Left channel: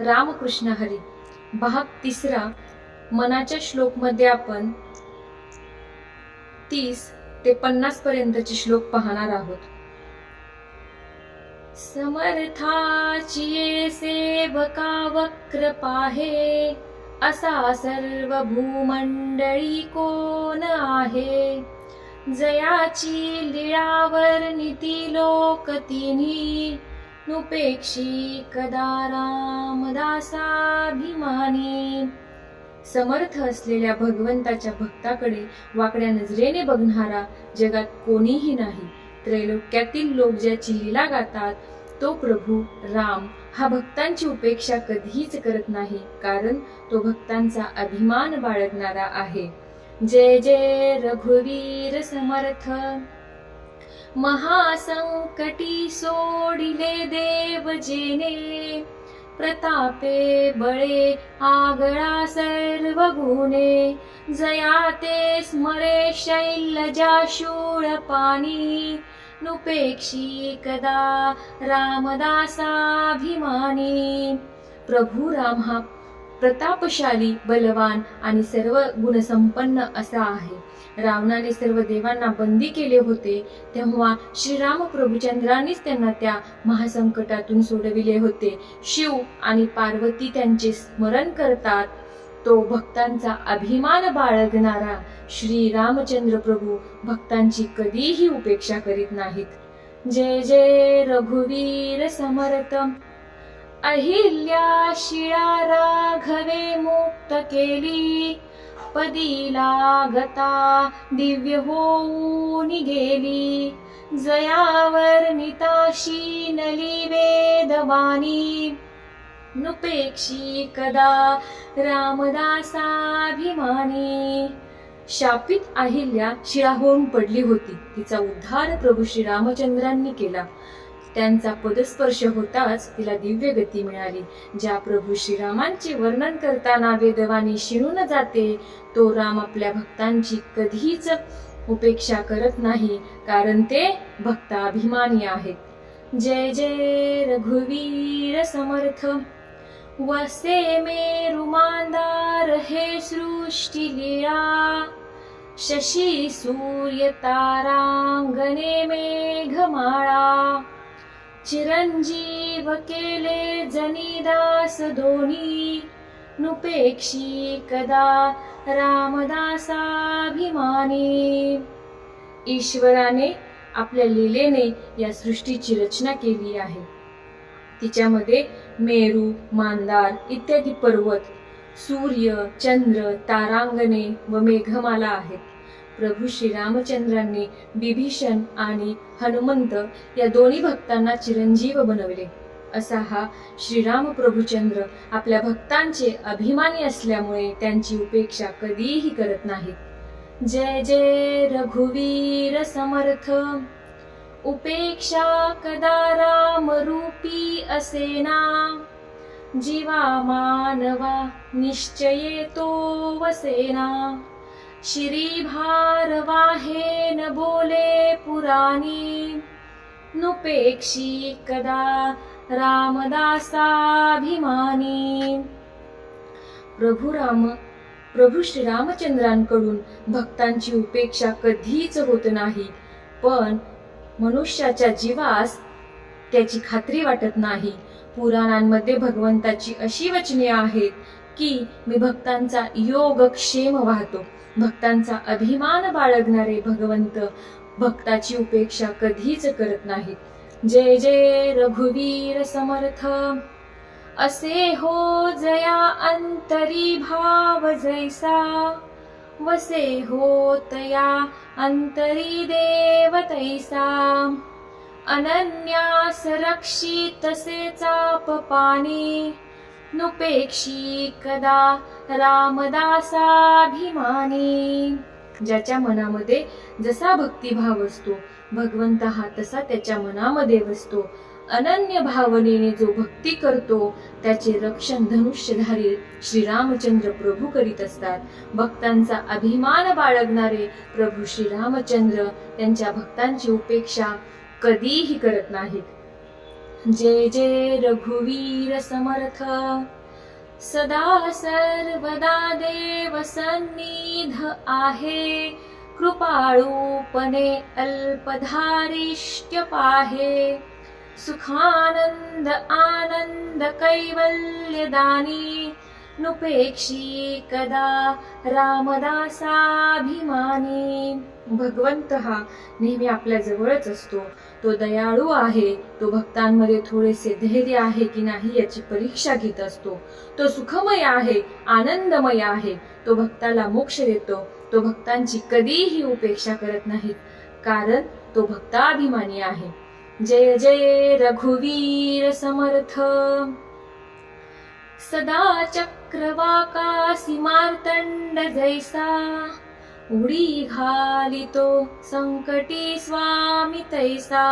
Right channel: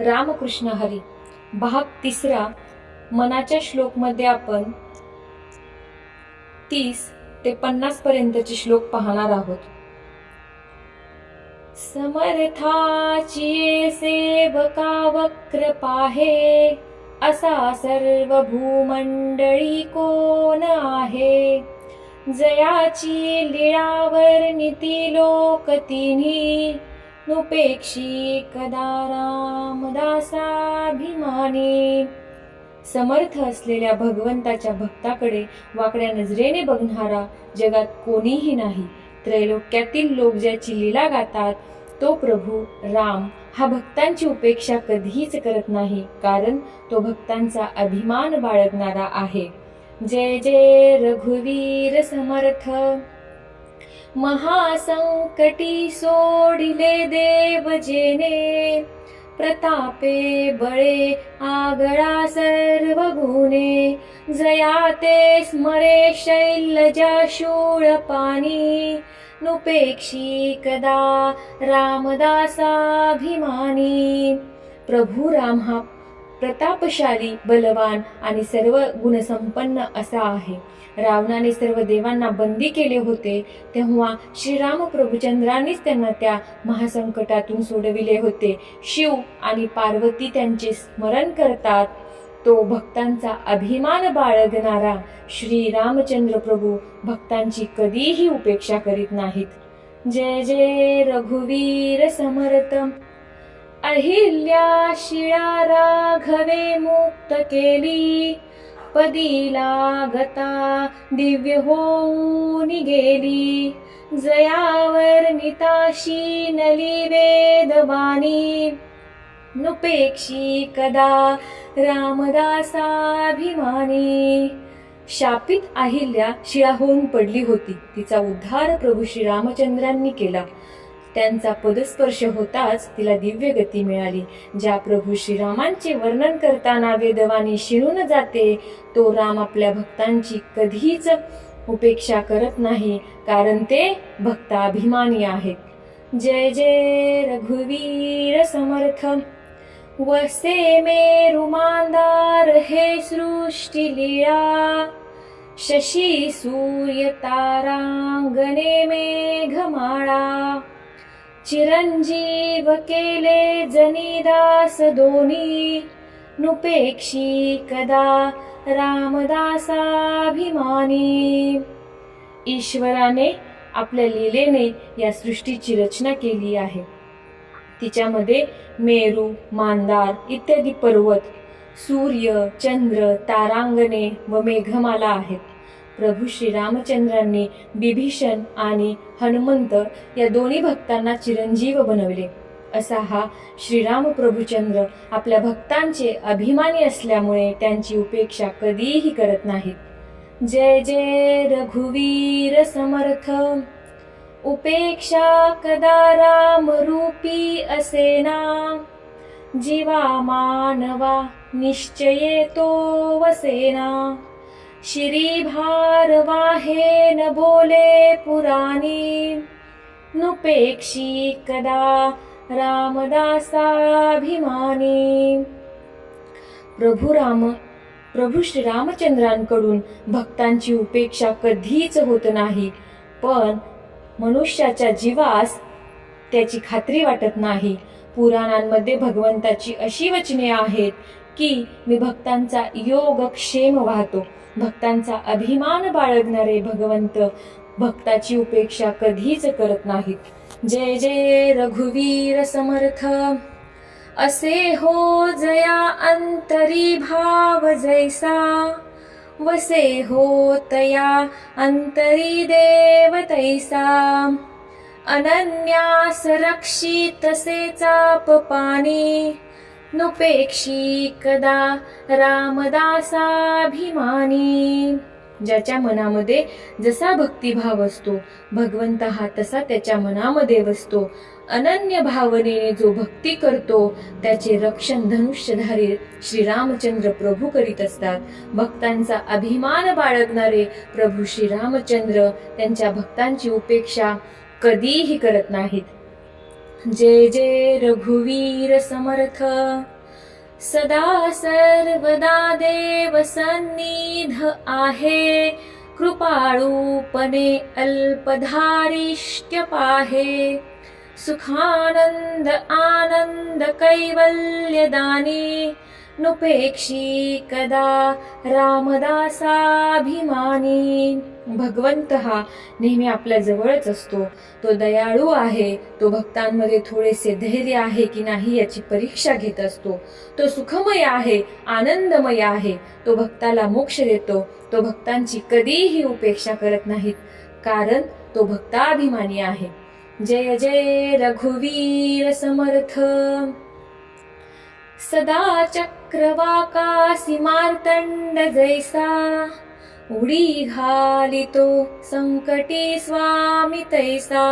रामकृष्ण हरी भाग तिसरा मनाच्या श्लोकमध्ये आपण तीस ते पन्नास पर्यंतचे श्लोक पाहणार आहोत. समर्थाची सेवका वक्र पाहे असा सर्व भूमंडळी कोण आहे? जयाची लीळावर नीती लोक तिन्ही. नुपेक्षी कदा रामदासाभिमानी. समर्थ असलेल्या भगवंताच्या भक्ताकडे वाकड्या नजरेने बघणारा जगात कोणीही नाही. त्रैलोक्यातील लोक ज्याची लीला गातात तो प्रभू राम हा भक्तांची उपेक्षा कधीच करत नाही कारण तो भक्तांचा अभिमान बाळगणारा आहे. जय जय रघुवीर समर्थ. महासंकटी सोडिले देव जेने प्रतापे बळे आगळा सर्व गुणे जयाते स्मरे शैलजा शूळ पाणी. नुपेक्षी कदा रामदासाभिमानी. प्रभू राम हा प्रतापशाली बलवान आणि सर्व गुणसंपन्न असा आहे. रावणाने सर्व देवांना बंदी केले होते तेव्हा श्रीराम प्रभूचंद्रांनीच त्यांना त्या महासंकटातून सोडविले होते. शिव आणि पार्वती त्यांचे स्मरण करतात. तो भक्तांचा अभिमान बाळगणारा श्री रामचंद्र प्रभू भक्तांची कधीही उपेक्षा करीत नाहीत. जय जय रघुवीर समर्थ अहिल्या शिळा राघवे मुक्त केली. पदी लागता दिव्य होऊन गेली. जयावर निताशी नली वेदवाणी. नुपेक्षी कदा रामदासाभिमानी. शापित अहिल्या शिळा होऊन पडली होती. तिचा उद्धार प्रभू श्री रामचंद्रांनी केला. त्यांचा पदस्पर्श होताच तिला दिव्य गती मिळाली. ज्या प्रभू श्रीरामांचे वर्णन करताना वेदवाणी शिणून जाते तो राम आपल्या भक्तांची कधीच उपेक्षा करत नाही कारण ते भक्ताभिमानी आहेत. जय जय रघुवीर समर्थ. वसे मे रुमांदार हे सृष्टी लीळा. शशी सूर्य तारांगणे मेघमाळा. चिरंजीव केले जनिदास दोनी नुपेक्षी कदा रामदासाभिमानी. ईश्वराने आपल्या लीलेने या सृष्टीची रचना केली आहे. तिच्यामध्ये मेरू मांदार इत्यादी पर्वत सूर्य चंद्र तारांगणे व मेघमाला आहेत. प्रभू श्रीरामचंद्रांनी बिभीषण आणि हनुमंत या दोन्ही भक्तांना चिरंजीव बनवले. असा हा श्रीराम प्रभुचंद्र आपल्या भक्तांचे अभिमानी असल्यामुळे त्यांची उपेक्षा कधीही करत नाहीत जय जय रघुवीर समर्थ. उपेक्षा कदा राम रूपी असेना? जीवा मानवा निश्चये तो वसेना. श्रीभारवाहे न बोले पुराणी। नुपेक्षी कदा रामदासाभिमानी। प्रभू राम प्रभू श्री रामचंद्रांकडून भक्तांची उपेक्षा कधीच होत नाही पण मनुष्याच्या जीवास त्याची खात्री वाटत नाही। पुराणांमध्ये भगवंताची अशी वचने आहेत की मी भक्तांचा योगक्षेम वाहतो भक्तांचा अभिमान बाळगणारे भगवंत भक्ताची उपेक्षा कधीच करत नाहीत. जय जय रघुवीर समर्थ. असे हो जया अंतरी भाव जैसा. वसे हो तया अंतरी देव तैसा. अनन्यास रक्षित चाप पाणी नुपेक्षी कदा रामदासाभिमानी. ज्याच्या मनामध्ये जसा भक्तिभाव असतो भगवंत हा तसा त्याच्या मनामध्ये बसतो. अनन्य भावनेने जो भक्ती करतो त्याचे रक्षण धनुष्यधारी श्रीरामचंद्र प्रभू करीत असतात. भक्तांचा अभिमान बाळगणारे प्रभू श्रीरामचंद्र त्यांच्या भक्तांची उपेक्षा कधीही करत नाहीत. जय जय रघुवीर समर्थ। सदा सर्वदा देव सन्निध आहे। कृपाळूपणे अल्पधारिष्ट्य पाहे। सुखानंद आनंद कैवल्यदाने। नुपेक्षी कदा रामदासाभिमानी. भगवंत हा नेहमी आपल्या जवळच असतो. तो दयाळू आहे. तो भक्तांमध्ये थोडेसे धैर्य आहे की नाही याची परीक्षा घेत असतो. तो सुखमय आहे आनंदमय आहे. तो भक्ताला मोक्ष देतो. तो भक्तांची कधीही उपेक्षा करत नाही कारण तो भक्ताभिमानी आहे. जय जय रघुवीर समर्थ. सदा चक्रवाकासी मार्तंड जैसा उडी घालितो संकटी स्वामी तैसा।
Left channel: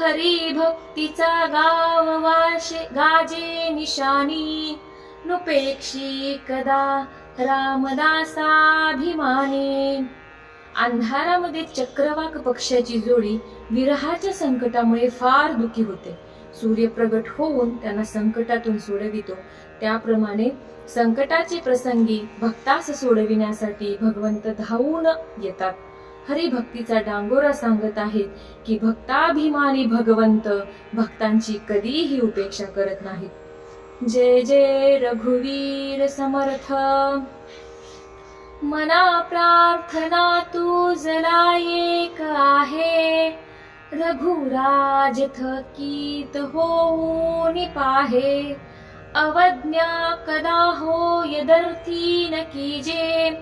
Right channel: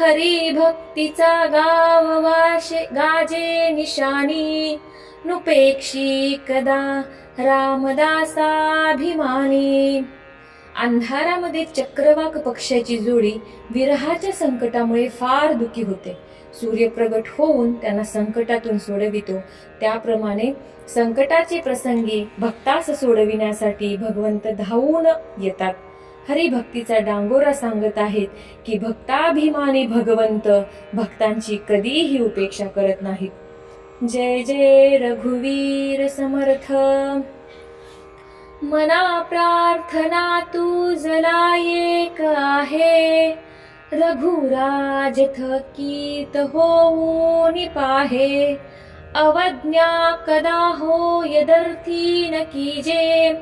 हरी भक्तीचा गाव वाशे गाजे निशाणी नुपेक्षी कदा रामदासाभिमानी। अंधारामध्ये चक्रवाक पक्षाची जोडी विरहाच्या संकटामुळे फार दुखी होते. सूर्य प्रगट होऊन त्यांना संकटातून सोडवितो. त्याप्रमाणे संकटाचे प्रसंगी भक्तास सोडविण्यासाठी भगवंत धावून येतात. हरिभक्तीचा डांगोरा सांगत आहेत की भक्ताभिमानी भगवंत भक्तांची कधीही उपेक्षा करत नाहीत. जय जय रघुवीर समर्थ. मना प्रार्थना तू जरा एक आहे. रघुराज थकीत होऊन पाहे अवज्ञा कदा हो यदर्थी न कीजे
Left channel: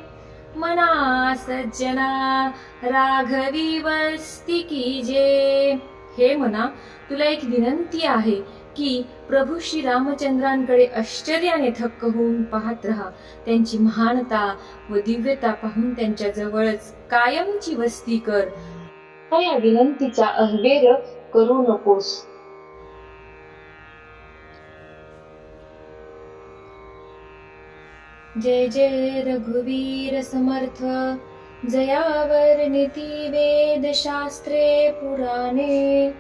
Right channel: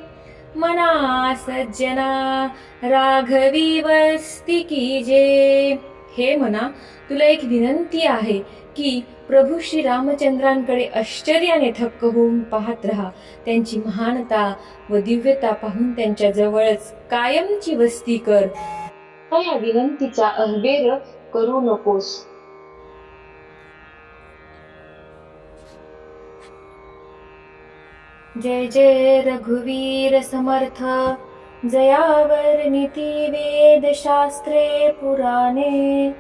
मना सज्जना राघवी वस्ती कीजे हे मना तुला एक विनंती आहे की प्रभू श्री रामचंद्रांकडे आश्चर्याने थक्क होऊन पाहत राहा. त्यांची महानता व दिव्यता पाहून त्यांच्या जवळच कायमची वस्ती कर. या विनंतीचा अहवेर करू नकोस. जय जय रघुवीर समर्थ जयावर नीती वेद शास्त्रे पुराणे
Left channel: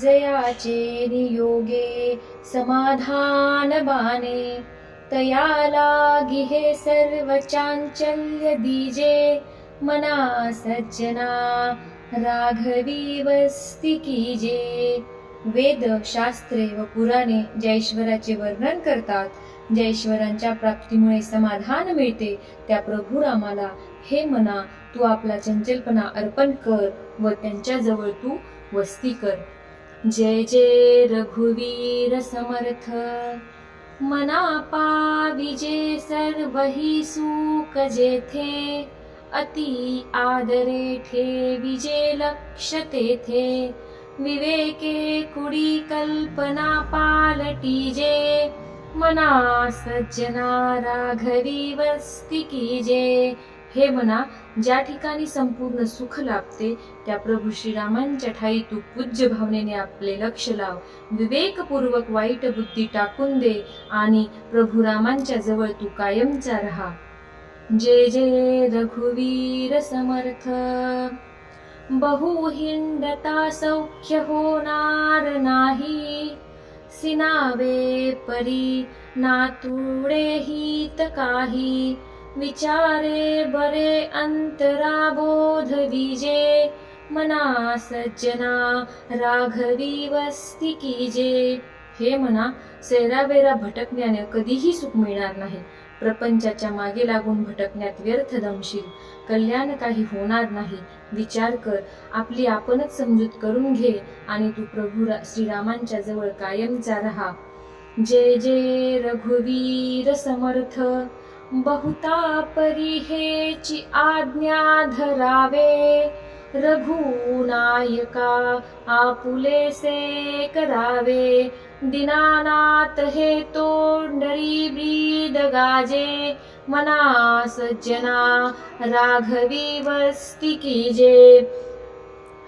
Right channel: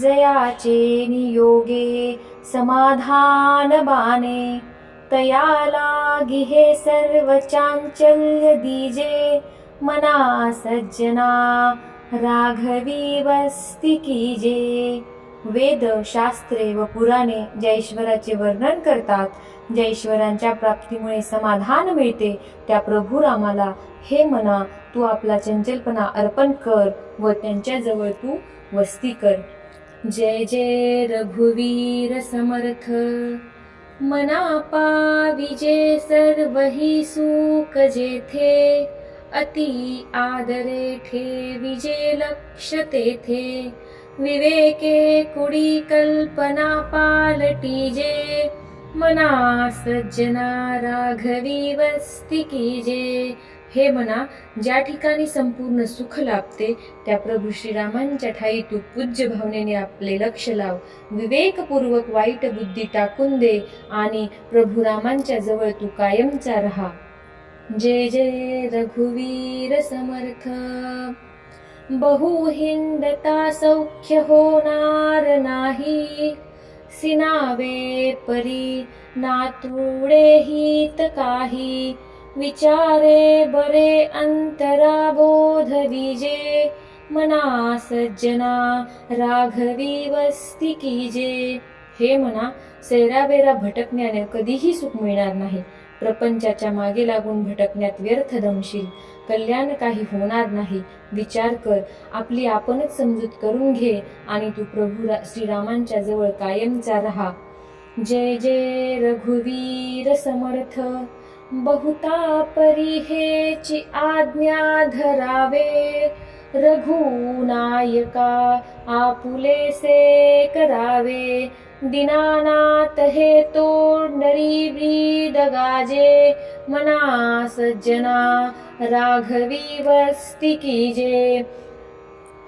जयाचे नियोगे समाधान बाने तया लागी हे सर्व चांचल्य दीजे मना सज्जना राघवी वस्ती कीजे वेद शास्त्रे व पुराणे जैश्वराचे वर्णन करतात. ज्या प्राप्तीमुळे समाधान मिळते. त्या प्रभू रामाला हे मना तू आपला चंचलपणा अर्पण कर व त्यांच्याजवळ तू वस्ती कर. जय जय रघुवीर समर्थ. मना पाविजे सर्वही सुख जेथे. अति आदरे ठेविजे लक्ष तेथे विवेके कुडी कल्पना पालटीजे मना सज्जना राघवी वस्ती कीजे हे मना ज्या ठिकाणी संपूर्ण सुख लाभते त्या प्रभू श्रीरामांच्या ठाई तू पूज्य भावनेने आपले लक्ष लाव. विवेकपूर्वक वाईट बुद्धी टाकून दे आणि प्रभू रामांच्या जवळ तू कायमचा राहा. जय जय रघुवीर समर्थ। बहुहिंडता सौख्य होणार नाही। सिनावे परी नातुडे हित काही। विचारे बरे अंतरा बोध विजे। मना सज्जना राघवी वस्ती कीजे। हे म्हणा सैराबेरा भटकण्याने कधीही सुख मिळणार नाही। प्रपंचाच्या मागे लागून भटकण्यात व्यर्थ दमशील. कल्याण काही होणार नाही. विचार कर. आपली आपणच समजूत करून घे आणि तू प्रभू श्रीरामांच्या जवळ कायमचा राहा. जय जय रघुवीर समर्थ. बहुता परिहेची आज्ञा धरावे. रघुनायका आपुलेसे करावे. दिनानाथ हे नरी ब्रीद गाजे मना सज्जना राघवी वस्ती कीजे.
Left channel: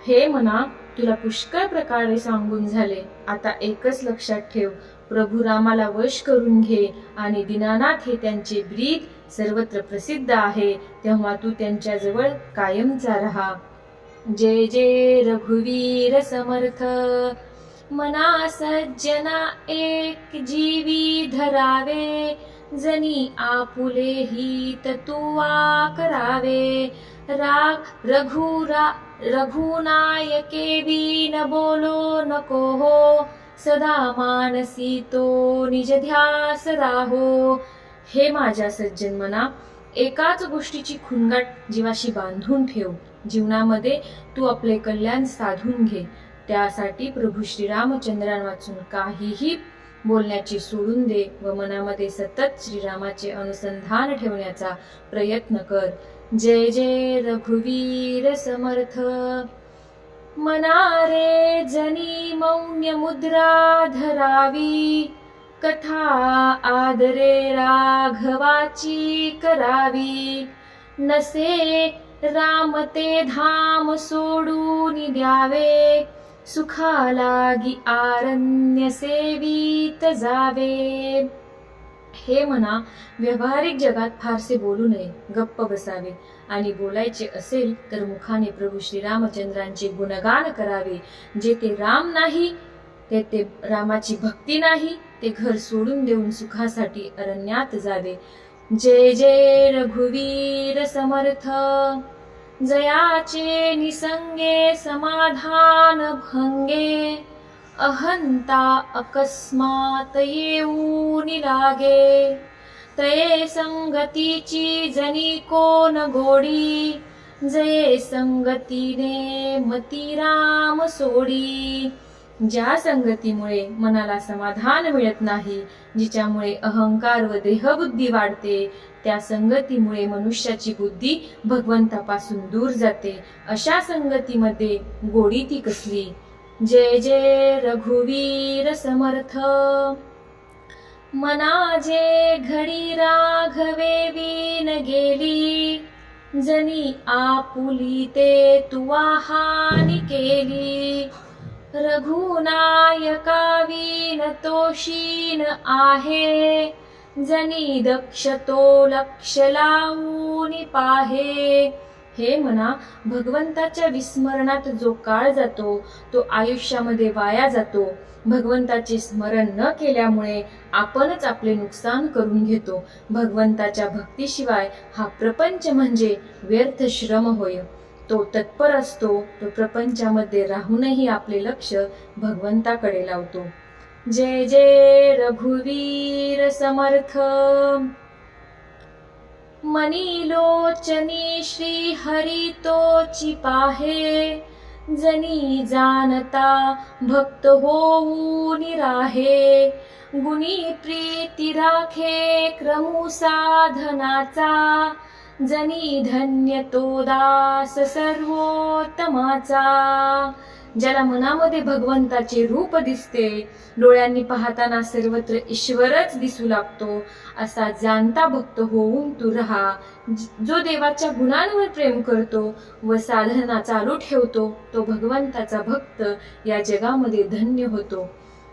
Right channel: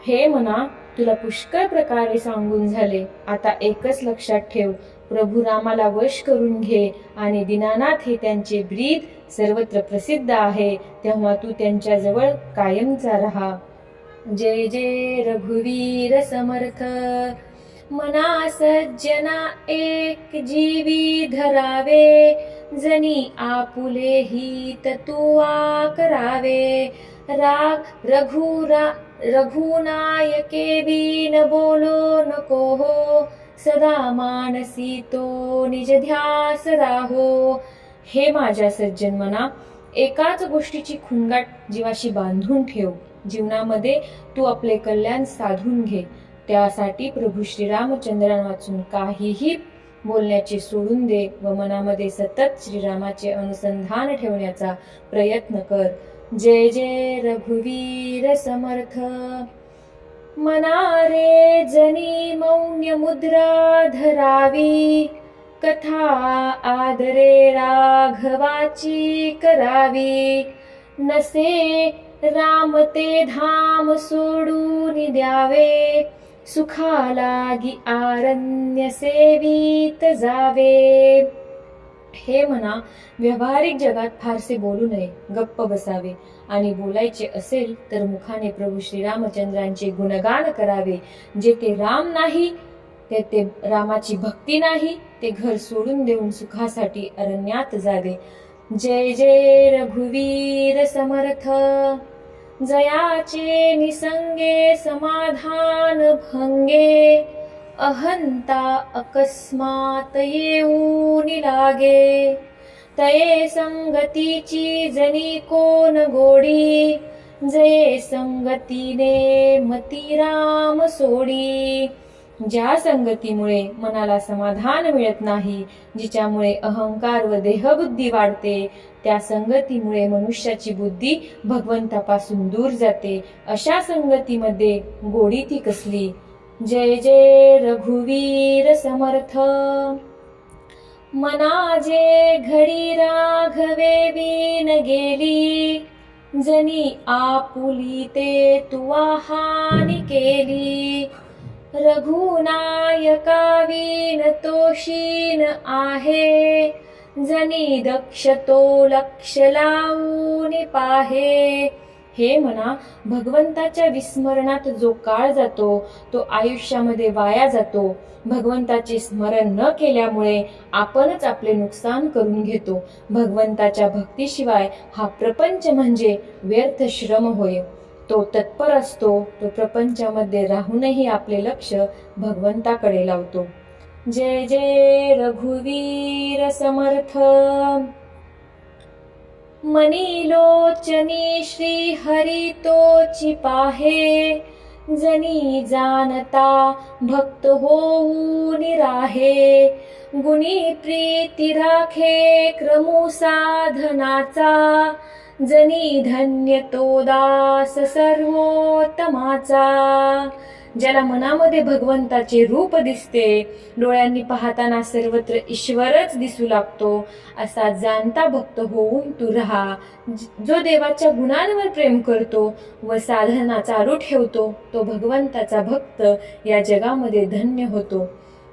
हे म्हणा तुला पुष्कळ प्रकारे सांगून झाले. आता एकच लक्षात ठेव प्रभू रामाला वश करून घे आणि दीनानाथ हे त्यांचे ब्रीद सर्वत्र प्रसिद्ध आहे तेव्हा तू त्यांच्याजवळ कायमचा राहा. जय जय रघुवीर समर्थ. मना सज्जना एक जीवी धरावे जनी आपुले हित तुवा करावे राग रघुरा रघुनायके न बोलो नको हो सदा मानसी तो निज ध्यास राहो। हे माझ्या सज्जन मना एकाच गोष्टीची खुणगाट जीवाशी बांधून ठेव. जीवनामध्ये तू आपले कल्याण साधून घे. त्यासाठी प्रभू श्रीरामचंद्रांपासून काहीही बोलण्याचे सोडून दे व मनामध्ये सतत श्रीरामाचे अनुसंधान ठेवण्याचा प्रयत्न कर. जय जय रघुवीर समर्थ. मनारे जनी मौन्य मुद्रा धरावी. कथा आदरे राघवाची करावी. नसे राम ते धाम सोडून द्यावे. सुखालागी आरण्य सेवित जावे हे म्हणा व्यावहारिक जगात फारसे बोलू नये गप्प बसावे आणि बोलायचे असेल तर मुखाने प्रभू श्रीरामचंद्रांचे गुणगान करावे जे ते राम नाही ते ते रामाची भक्ती नाही ते घर सोडून देऊन सुखासाठी अरण्यात जावे जय जय रघुवीर समर्थ जयाचे निसंगे समाधान भंगे अहंता अकस्मात येऊन लागे. तये संगतीची जनी कोण गोडी जये संगतीने मती राम सोडी. ज्या संगतीमुळे मनाला समाधान मिळत नाही जिच्यामुळे अहंकार व देहबुद्धी वाढते त्या संगतीमुळे मनुष्याची बुद्धी भगवंतापासून दूर जाते. अशा संगतीमध्ये गोडी ती कसली? जय जय रघुवीर समर्थ. मनाजे घडी राघवे बीन गेली जनी आपुली ते तुवा हानी केली. रघुनायका वीन तोशीन आहे. जनी दक्ष तो लक्ष लावून पाहे. हे म्हणा भगवंताच्या विस्मरणात जो काळ जातो तो आयुष्यामध्ये वाया जातो. भगवंताचे स्मरण न केल्यामुळे आपणच आपले नुकसान करून घेतो. भगवंताच्या भक्तीशिवाय हा प्रपंच म्हणजे व्यर्थ श्रम होय. तो तत्पर असतो तो प्रपंचामध्ये राहूनही आपले लक्ष भगवंताकडे लावतो. जय जय रघुवीर समर्थ. मनी लोचनी श्री हरी पाहे जनी जानता भक्त होऊ निराहे. गुणी प्रीती राखे क्रमू साधनाचा जनी धन्य तो दास सर्वोत्तमाचा. ज्याला मनामध्ये भगवंताचे रूप दिसते. डोळ्यांनी पाहताना सर्वत्र ईश्वरच दिसू लागतो. असा जाणता भक्त होऊन तू राहा. जो देवाच्या गुणांवर प्रेम करतो व साधना चालू ठेवतो तो भगवंताचा भक्त या जगामध्ये धन्य होतो.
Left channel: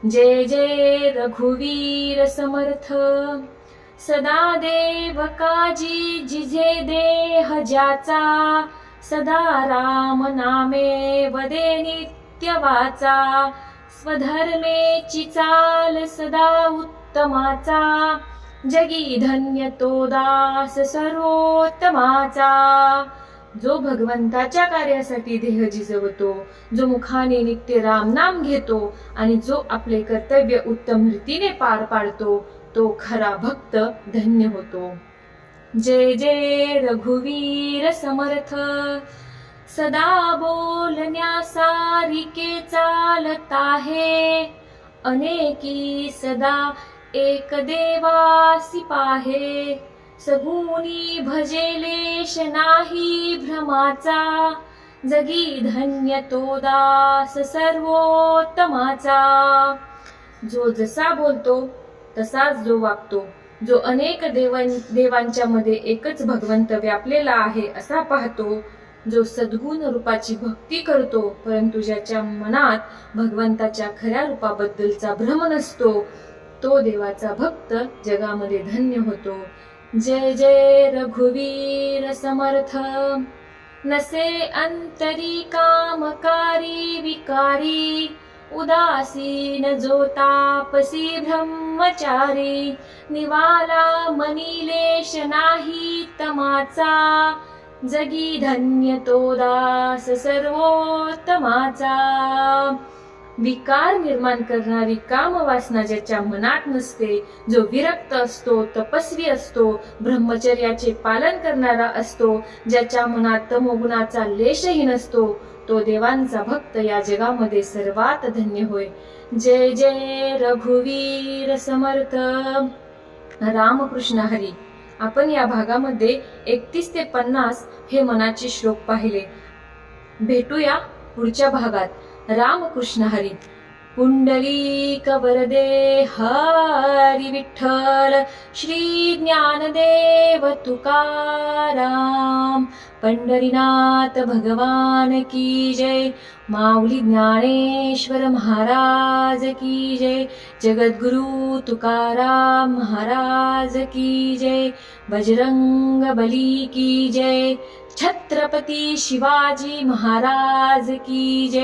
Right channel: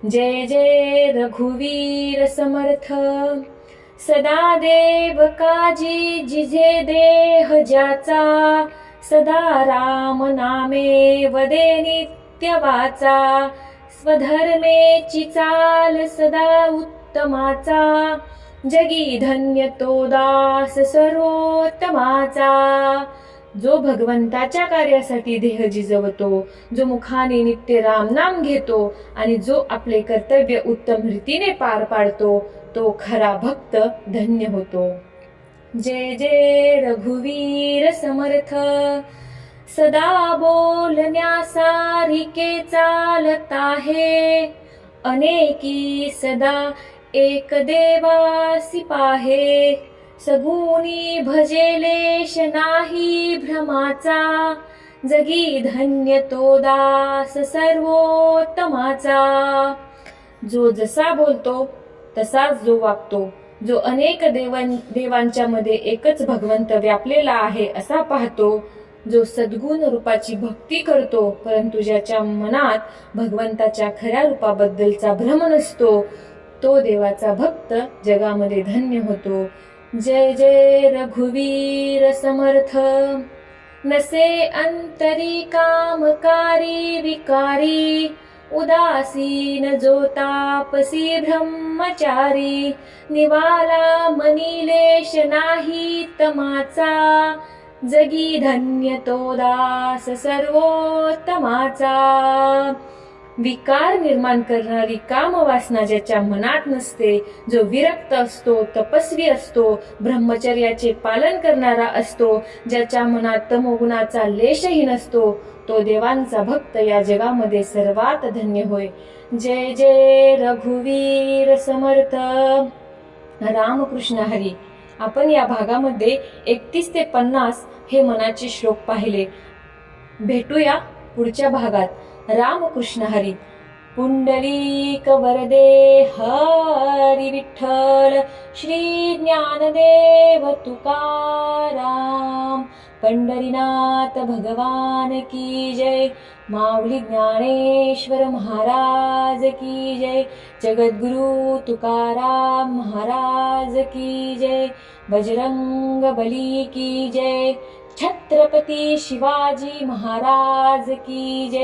जय जय रघुवीर समर्थ. सदा देव काजी जिझे देह ज्याचा सदा राम नामे वदे नित्य वाचा स्वधर्मेची चाल सदा उत्तमाचा जगी धन्य तो दास सर्वोत्तमाचा. जो भगवंताच्या कार्यासाठी देह जिजवतो जो मुखाने नित्य रामनाम घेतो आणि जो आपले कर्तव्य उत्तम रीतीने पार पाडतो तो खरा भक्त धन्य होतो. जय जय रघुवीर समर्थ सदा बोलण्यासारिके चालत आहे. अनेकी सदा एक देवासी पाहे. सगुणी भजेलेश नाही भ्रमाचा. जगी धन्य तो दास सर्वोत्तमाचा. जो जसा बोलतो तसाच जो वागतो जो अनेक देवां देवांच्या मध्ये एकच भगवंत व्यापलेला आहे असा पाहतो जो सद्गुण रूपाची भक्ती करतो परंतु ज्याच्या मनात भगवंताच्या खऱ्या रूपाबद्दलचा भ्रम नसतो तो देवाचा भक्त जगामध्ये धन्य होतो. जय जय रघुवीर समर्थ. नसे अंतरी कामकारी विकारी उदासीन जो तापसी ब्रह्मचारी निवाला मनीलेश नाही तमाचा. जगी धन्य तो दास सर्वोत्तमाचा. विकार निर्माण करणारी कामवासना ज्याच्या मनात नसते जो विरक्त असतो तपस्वी असतो ब्रह्मचर्याचे पालन करणारा असतो ज्याच्या मनात तमोगुणाचा लेशही नसतो तो देवांचा भक्त या जगामध्ये सर्वात धन्य होय. जय जय रघुवीर समर्थ. रामकृष्ण हरी. आपण या भागामध्ये एकतीस ते पन्नास हे मनाचे श्लोक पाहिले. भेटूया पुढच्या भागात. रामकृष्ण हरी. पुण्डलीक वरदे हरि विठ्ठल श्री ज्ञानदेव तुकाराम पंढरीनाथ भगवान की जय माऊली ज्ञानेश्वर महाराज की जय जगद्गुरु तुकाराम महाराज की जय बजरंग बली की जय छत्रपती शिवाजी महाराज की जय।